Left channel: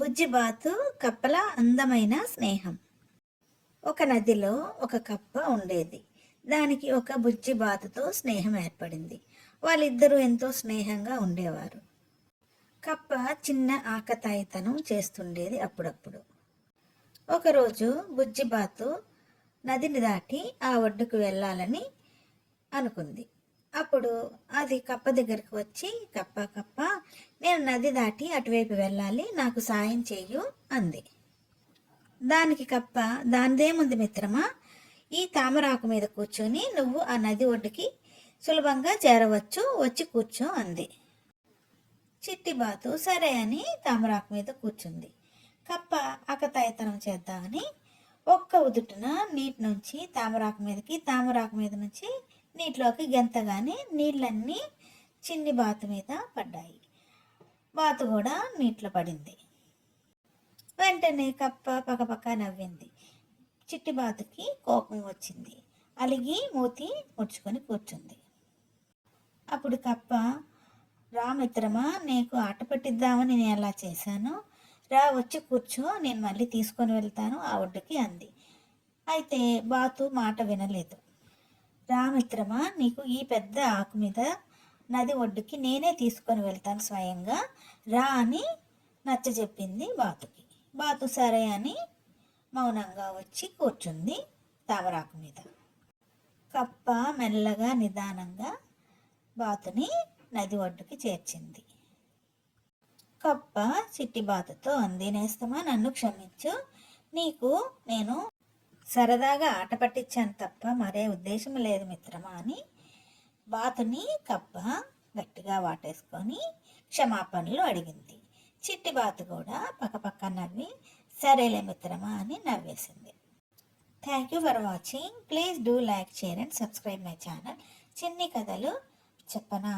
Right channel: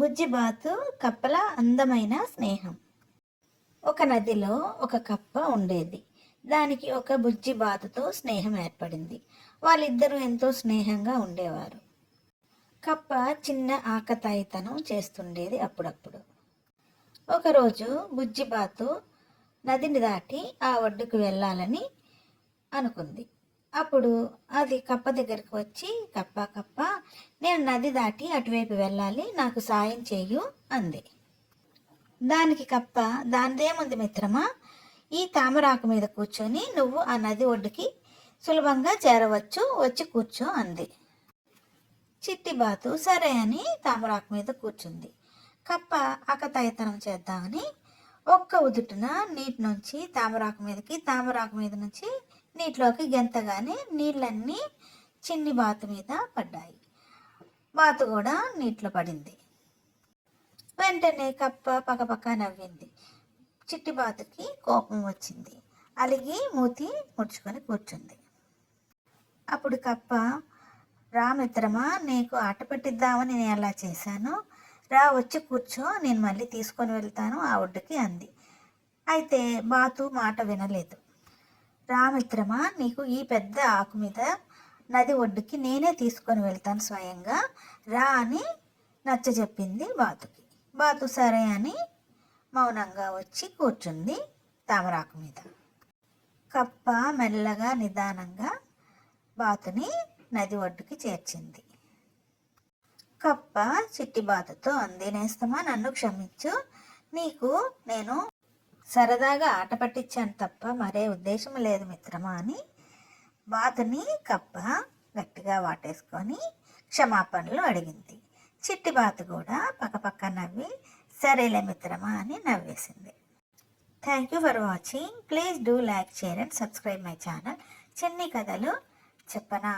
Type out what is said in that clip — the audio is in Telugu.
బుజ్జిబాతు కప్పల అందమైన స్నేహం. ఒక నదిలో ఒక కప్ప ఉండేది. దానికి ఒక బుజ్జిబాతుతో స్నేహం ఏర్పడింది. వాళ్ళిద్దరూ ఎంతో స్నేహంగా ఉండేవారు. కప్ప చిన్న ఆకతాయితనం చేస్తుండేది అప్పుడప్పుడు. ఒకరోజు బుజ్జిబాతు నదిని దాటి ఆ ఒడ్డుకు వెళ్ళాలని అనుకుంది. అప్పుడు అది కప్ప దగ్గరికి వచ్చి, కప్ప కప్ప, నేను నది దాటి అటువైపు వెళ్ళాలి, నాకు సాయం చెయ్యు అంది. దానికి కప్ప, దానిదేముంది మిత్రమా, ఈ తామరాకు మీద కూర్చొని నువ్వు ఆ నది ఒడ్డుకి సులభంగా చేరవచ్చు, వచ్చి కూర్చో అంది. చిట్టిబాతు సరే అని తామరాకు మీద కూర్చుంది. కప్ప ఆకతాయితనం చేద్దామని ఒక్క ఉదుటున నీటి నుంచి తామరాకు మీదకి, తామరాకు మీద నుంచి నీటిలోకి గెంతగానే నీళ్ళన్నీ చిన్ని బాతు మీద పడ్డాయి. బాతు కూడా నీటిలో పడింది. వెంటనే కప్ప పకపక నవ్వింది. చిట్టి బాతుకి కోపం వచ్చింది. అలిగి మూతి ముడుచుకొని కూర్చుంది. అప్పుడు కప్ప, రా మిత్రమా, నీకు ఆట పెట్టిద్దామని నేను అలా చేశాను, రా వచ్చి కూర్చో, నేను మళ్ళీ తీసుకొని వెళ్తాను ఆ ఒడ్డుకి అంది. అయితే బాతు మాట వినలేదు. రా మిత్రమా, నీకు ఈ పెద్ద ఆకు మీద నది ఒడ్డుకి నేనే తీసుకొని వెళ్తాను స్వయంగా, రా అని నచ్చజెప్పింది బాతుకి. బాతు సరే అని మౌనంగా వచ్చి కూర్చుంది తామరాకు మీద. కప్ప మెల్లగా నిదానంగా బాతుని నది ఒడ్డుకి చేర్చింది. కప్ప చిట్టి బాతుతో అంది, నేస్తమా నన్ను క్షమించు, నీకు నేను సరదాగా ఆట పట్టించాను తప్ప మరే ఉద్దేశం లేదు మిత్రమా అని బాతుని కప్ప గట్టిగా వాటేసుకొని క్షమాపణలు అడిగింది. చిట్టి బాతు కూడా పక్కపక్క నవ్వి సరేలే మిత్రమా అని నవ్వేసింది. Thank you for watching. Please do like, share and subscribe my channel. చిన్ని కథలు చెప్పనా.